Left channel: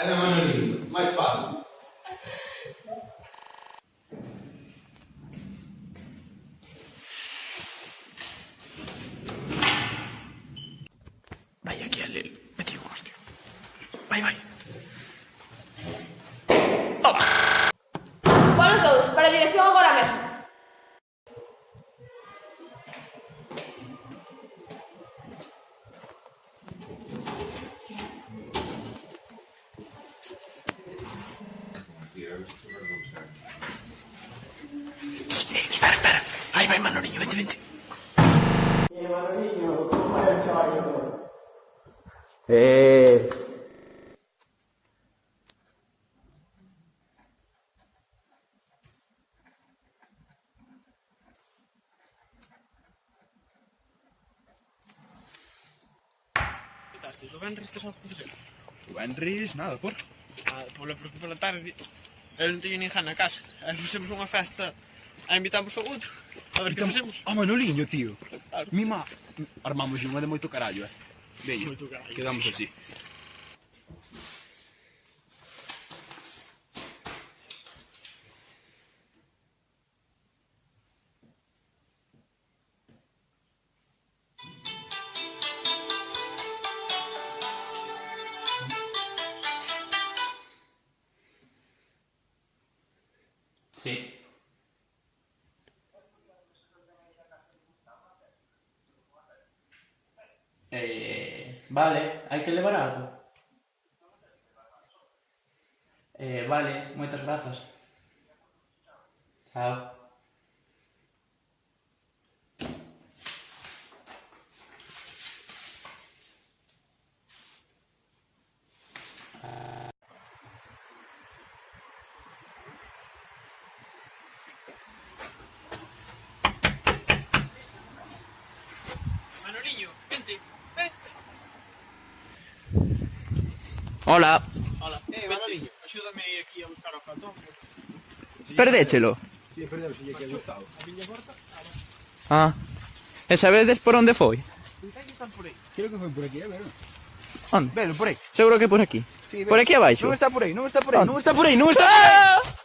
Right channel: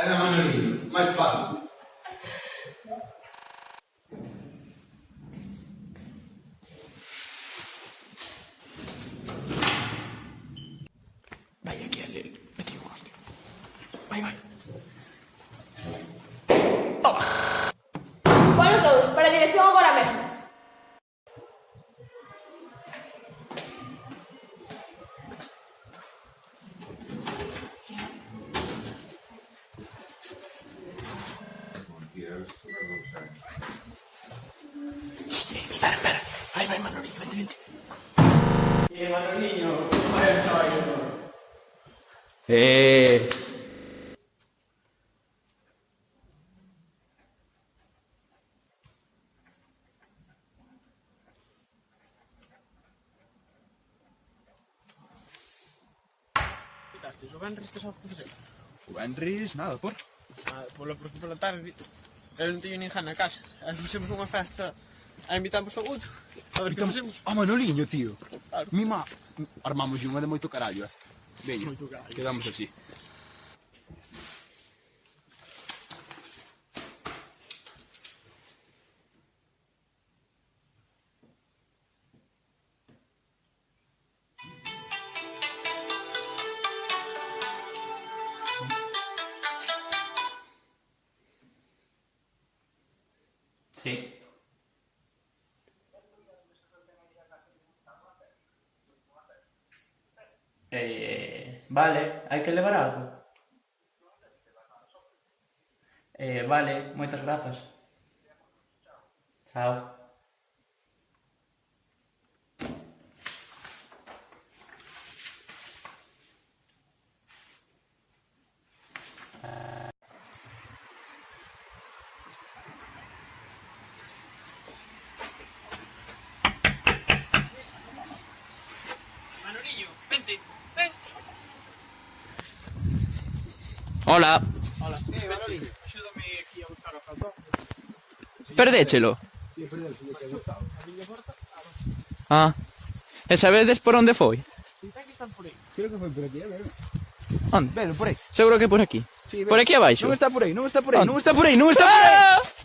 Era Manolino, máis Pablo. Vai aquí al Lil. Metí un hostia. Vai, vai. Toma. Polos dous, para a dirección agora mesmo. Espera, espera. Vai, vai, Manoliño, vente, vente. Manoliño, como vai o chaval? O Benris que só facer? O Benris, nada, por. Porque pola tarde eu non teño ninguén na casa. E facemos unha festa e invitamos ao outro. A ver que facemos. Ah, Manoliño, tío. Claro. Mima, armamos unha de moito carallo, Veño, Moito carallo. quedamos así. Sí. Vale, hai que levar algo. Vale, moitas grazas. Chao. Manoliño, vente. Ven. Hola. Hola. Manoliño, axúdame aquí a buscar o cartón. Perdéchelo. Sí, perdón, si lle que gustado. A miña porta. Ah. E sabedes por onde foi? Está que están por aí. Creo que foi por aquí, a ver. Onde? Velo, por aí. Seguro que por aquí. Sí, Por aquí abaixo. Non está por aí, non está por aí, Onde? non está por aí, non está por aí. Ah!